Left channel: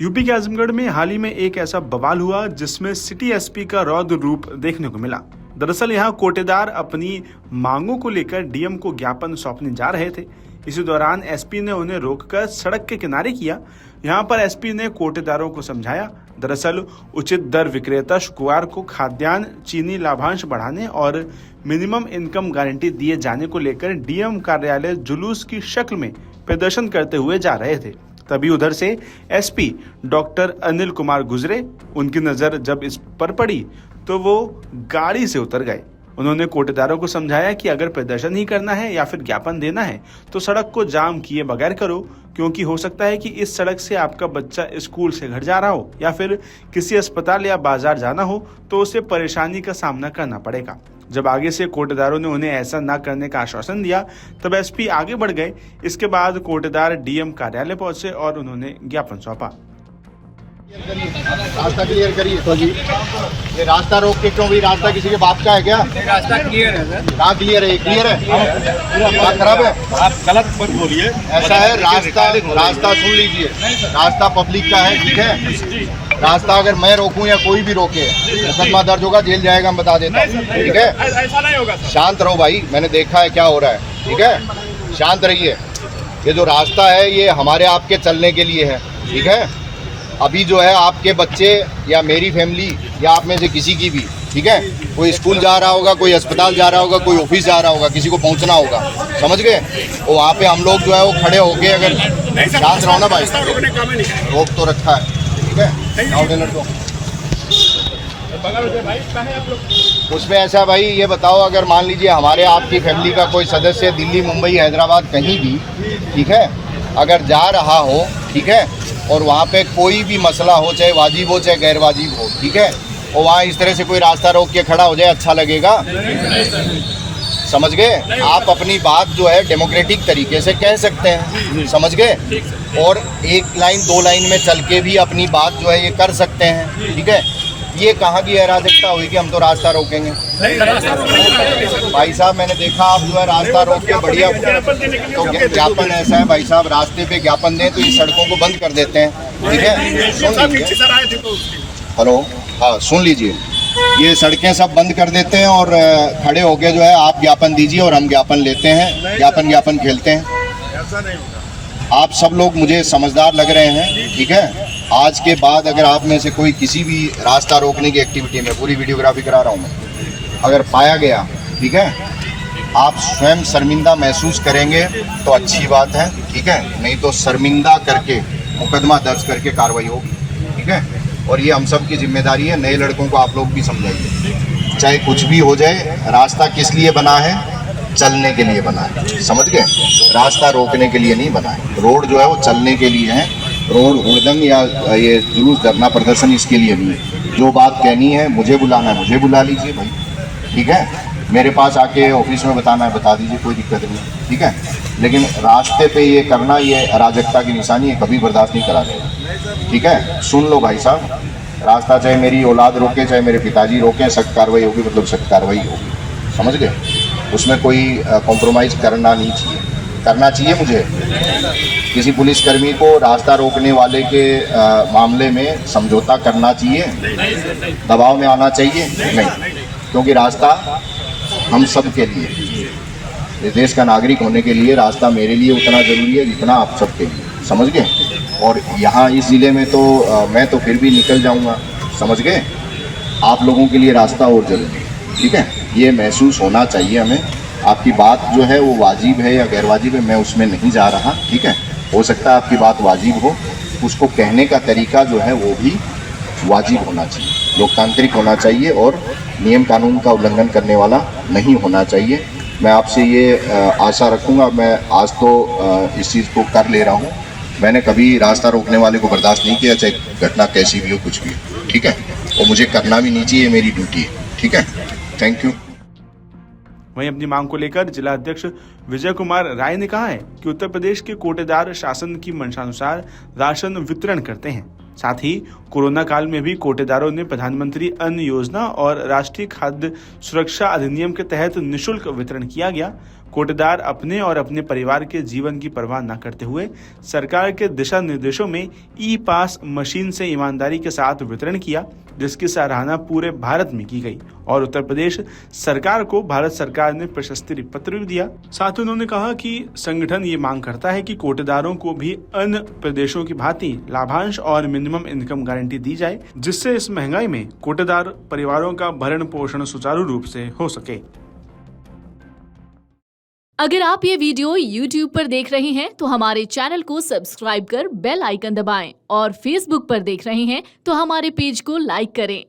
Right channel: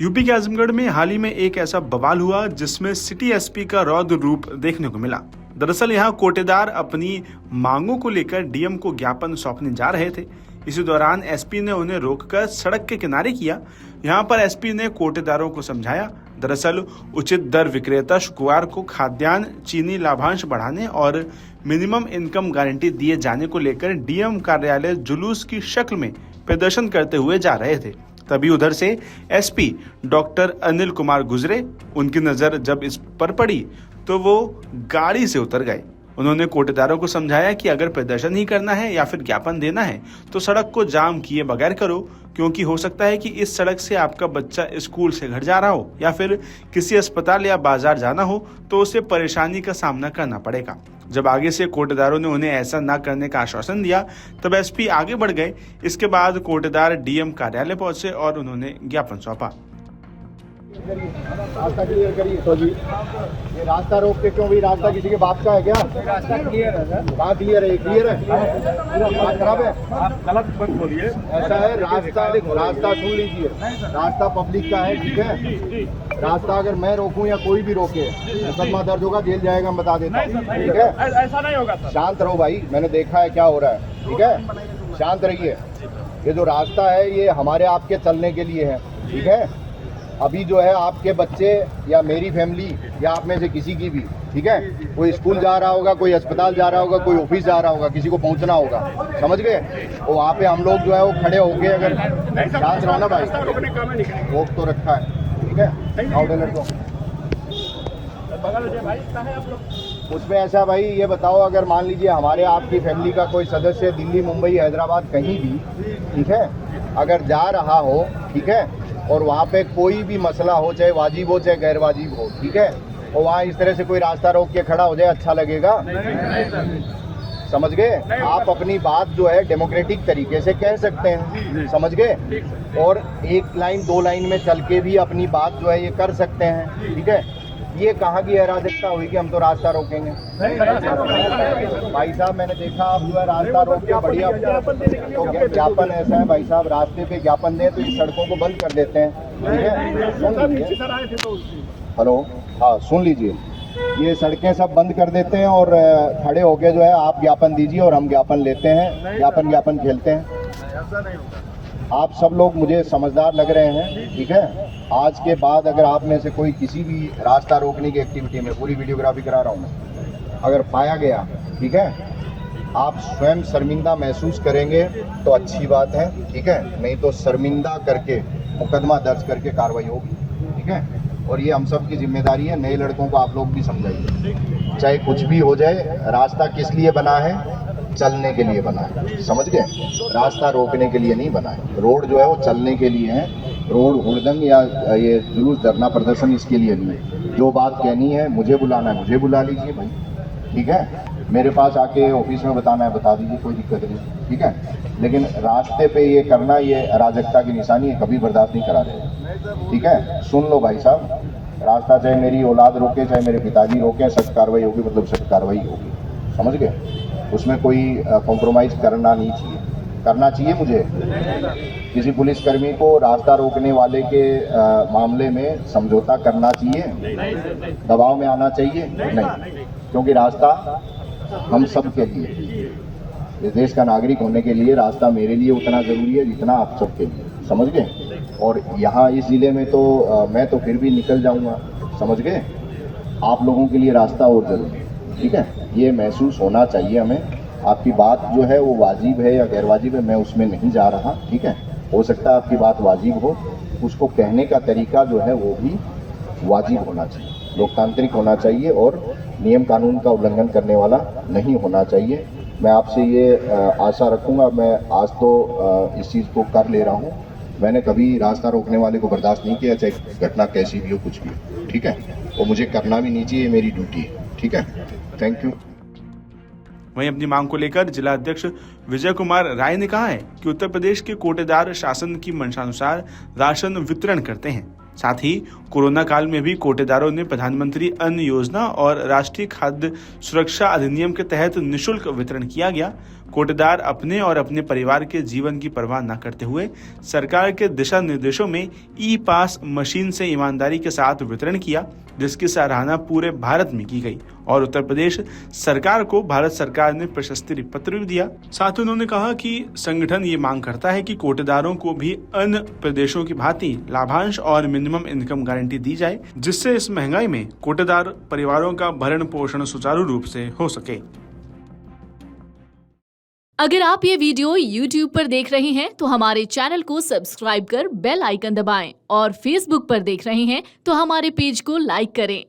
UP के आजमगढ़ में हाल ही में एक ऐसा बवाल हुआ जिसमें सिटी एसपी का रौद्र रूप देखने को मिला। दरअसल यहाँ कोटेदार अपनी मांगों को लेकर डीएम को ज्ञापन सौंपने जा रहे थे। इसी दौरान एसपी ने उन्हें रोककर सड़क के किनारे किया। यहाँ पर एसपी ने कोटेदारों को समझाया। दरअसल उचित दर विक्रेता शुक्रवार को खाद्यान्न, चीनी लाभांश बढ़ाने और मिनिमम इनकम गारंटी दिए जाने को लेकर डीएम कार्यालय जुलूस की शक्ल में प्रदर्शन करते हुए जा रहे थे। तभी उधर से एसपी डॉक्टर अनिल कुमार गुजरे। उनकी नजर जब इस पर पड़ी तो वो गाड़ी से उतर गए। उन्होंने कोटेदारों को समझाया कि अगर प्रदर्शन ही करना है या फिर ज्ञापन देना है तो सड़क को जाम किए बगैर करो, क्योंकि हो सकता है कि इस सड़क से आपका बच्चा स्कूल से घर जा रहा हो या फिर किसी अस्पताल या बाजार जाना हो तो उसे परेशानी का सामना करना पड़ेगा। जब आगे से कोटेदारों ने उन्हें ऐसा न करने का आश्वासन दिया तब एसपी आगे बढ़ गए। इसके बाद कोटेदार डीएम कार्यालय पहुंचे और उन्होंने ज्ञापन सौंपा। रास्ता क्लियर करिए। तो जी ये रास्ता रोक के क्यों? रास्ता किसी के बाप का है क्या? रास्ता क्लियर है। कहाँ क्लियर है? क्लियर है, पूरा खराब है। आप गलत मत बोलिए। ऐसा है, रास्ता सुन लीजिए, रास्ता पब्लिक का है, ठीक है। रास्ता अगर मैं रोकूं या कोई भी रोके मुकदमा दर्ज होगा, जेल जाएगा, हम बता देता हूँ, ठीक है। ऐसा नहीं होगा सर। शांत रहो भाई, मैंने देखा है क्या हो रहा है, ठीक है। शांत रहिए। ये जो रास्ता है ये हमारे आपके चलने के लिए है, ठीक है। अभी जो है आपके बच्चे या मेरी फैमिली या आप में से किसी की भी, ठीक है, कोई स्कूल जा रहा होगा, कोई अस्पताल जा रहा होगा, कोई ऑफिस जा रहा होगा, किसी को पहुंचना होगा, समझ गए। वो वहाँ पे हम लोग जो है वो खड़े होके, अगर शांत रहो ना भाई, रोक तो रखा है, ठीक है। उसमें ऐसा भाई ये बताओ, अगर मान लीजिए हमारे आपकी फैमिली का कोई सदस्य दिल्ली, मुंबई, हैदराबाद कहीं भी, ठीक है, अगर जा रहा हो, ठीक है, और वहाँ पे कोई भी मसला हो, चाहे वाजिब हो चाहे गैर वाजिब हो, ठीक है, और वहाँ इस तरह से कोई रास्ता रोक के खड़ा हो जाए, अच्छा लगेगा? समझ गए। आप अपनी बात जो है डेमोक्रेटिक तरीके से कह सकते हैं, समझ गए, और एक लाइन दो लाइन में चल के भी अपनी बात जो है ये कर सकते हैं, ठीक है। ये कहाँ की अराजकता हुई कि हम तो रास्ता रोकेंगे? भाई साहब मैंने देखा आप जो है रास्ता रोक के बढ़िया, तो ज्ञापन ऐसा है भाई साहब, रास्ते पे ज्ञापन दें तो ये सड़कों को बंद कर देते हैं, ठीक है। सुन लीजिए, हेलो, हाँ सुन लीजिए, ये सड़कें सब बंद कर देते हैं और खड़े होके जो है आप ज्ञापन दीजिए और हम ज्ञापन लेते हैं, ज्ञापन खेलते हैं। आप सब लोग मुझे समझदार लग रहे हैं, ठीक है। आज के बाद अगर आप में से कोई किसी भी रास्ता रोकने की एक्टिविटी में, पूरी वीडियोग्राफी करा रहा हूँ, अगर पाया गया, ठीक है, आप स्वयं शर्मिंदा महसूस करेंगे तो अच्छी बात है, ठीक है, नहीं तो शर्मिंदा करके मुकदमा दर्ज करके कार्रवाई होगी, ठीक है। और ये हम सब की जिम्मेदारी है, नए लड़कों को आप लोग भी समझाइए, चाहे कुछ भी हो जाए, रास्ता किस लिए बना है? चलने के लिए बना है, समझ गए। रास्ता रोकने के लिए नहीं बना है। रोड जो है वो चलने के लिए है। रोड हुड़दंग या ये जुलूस, धरना, प्रदर्शन इसके लिए नहीं है। जो बात कहनी है, मुझे बुलाना है, मुझे बुला लीजिए भाई, ठीक है। मेरे पास आके ऑफिस में बताना है, बता दीजिए, कोई दिक्कत नहीं, ठीक है। लेकिन रास्ते पे ये करना, ये अराजकता की निशानी है, कभी बर्दाश्त नहीं करा जाएगा, ठीक है। सुन लो भाई साहब, रास्ता चाहे मेरी औलाद रोके, चाहे मेरे पिताजी रोके, सख्त कार्रवाई होगी, मतलब सख्त कार्रवाई होगी, समझ गए। उसमें कोई कॉम्प्रोमाइज़ करना नहीं चाहिए, करना चाहिए मुझे। किसी पुलिसकर्मी को रास्ता रोकने वाले के मामले में समझौता करना चाहिए, दबाव में आना चाहिए नहीं, क्योंकि रास्ता हम सब के लिए, इस देश का नागरिक होने के लिए रास्ता मेरे लिए उतना ज़रूरी है जितना आप सबके लिए, समझ गए। और यहाँ इस ज़िले में तो मैं तो फिर भी निकल जाऊँगा, समझ गए। आप लोगों के लिए रास्ता और जरूरी है, ठीक है। ये महसूस होना चाहिए हमें। आपकी बात जो है वो वाजिब है या गैर वाजिब है, मैं उसमें नहीं जा रहा, ठीक है। हो सकता है आपकी बात वाजिब हो, उसको कहने का तरीका जो है वो भी वाजिब होना चाहिए, लोकतांत्रिक होना चाहिए और नियम कानून का उल्लंघन करने वाला नहीं होना चाहिए। मैं आपसे ये आशा रखूँगा। मैं आज तो इस चीज़ को कर ले रहा हूँ। मैंने कभी रास्ता रोकने वाले को बर्दाश्त नहीं किया, चाहे घटना कैसी भी हो, कुछ भी हो, ठीक है। और मुझे करना भी नहीं चाहिए, मेरी ड्यूटी है, ठीक है। Thank you. वहीं अपनी मांग को लेकर जिला अध्यक्ष विजय कुमार राय ने कहा है कि उत्तर प्रदेश के कोटेदार शासन की मंशानुसार राशन वितरण करते हैं। साथ ही कोरोना काल में भी कोटेदारों ने प्रधानमंत्री अन्न योजना और राष्ट्रीय खाद्य सुरक्षा अधिनियम के तहत निःशुल्क वितरण किया गया। कोटेदार अपने और अपने परिवार के जीवन की परवाह न करते हुए सरकार के दिशा निर्देशों में ई पास मशीन से ईमानदारी के साथ वितरण किया, जिसकी सराहना पूरे भारत में की गई और उत्तर प्रदेश सरकार को भारत सरकार ने प्रशस्ति पत्र भी दिया। साथ ही उन्होंने कहा कि संगठन ये मांग करता है कि कोटेदारों को भी अन्य प्रदेशों की भांति लाभांश और मिनिमम इनकम गारंटी दी जाए, जिससे इस महंगाई में कोटेदार परिवारों का भरण पोषण सुचारू रूप से हो सके। अगर आप ये वीडियो YouTube पर देख रहे हैं तो हमारे चैनल को सब्सक्राइब कर बेल आइकन दबाएं और Facebook पर देख रहे हैं तो हमारे पेज को लाइक करें।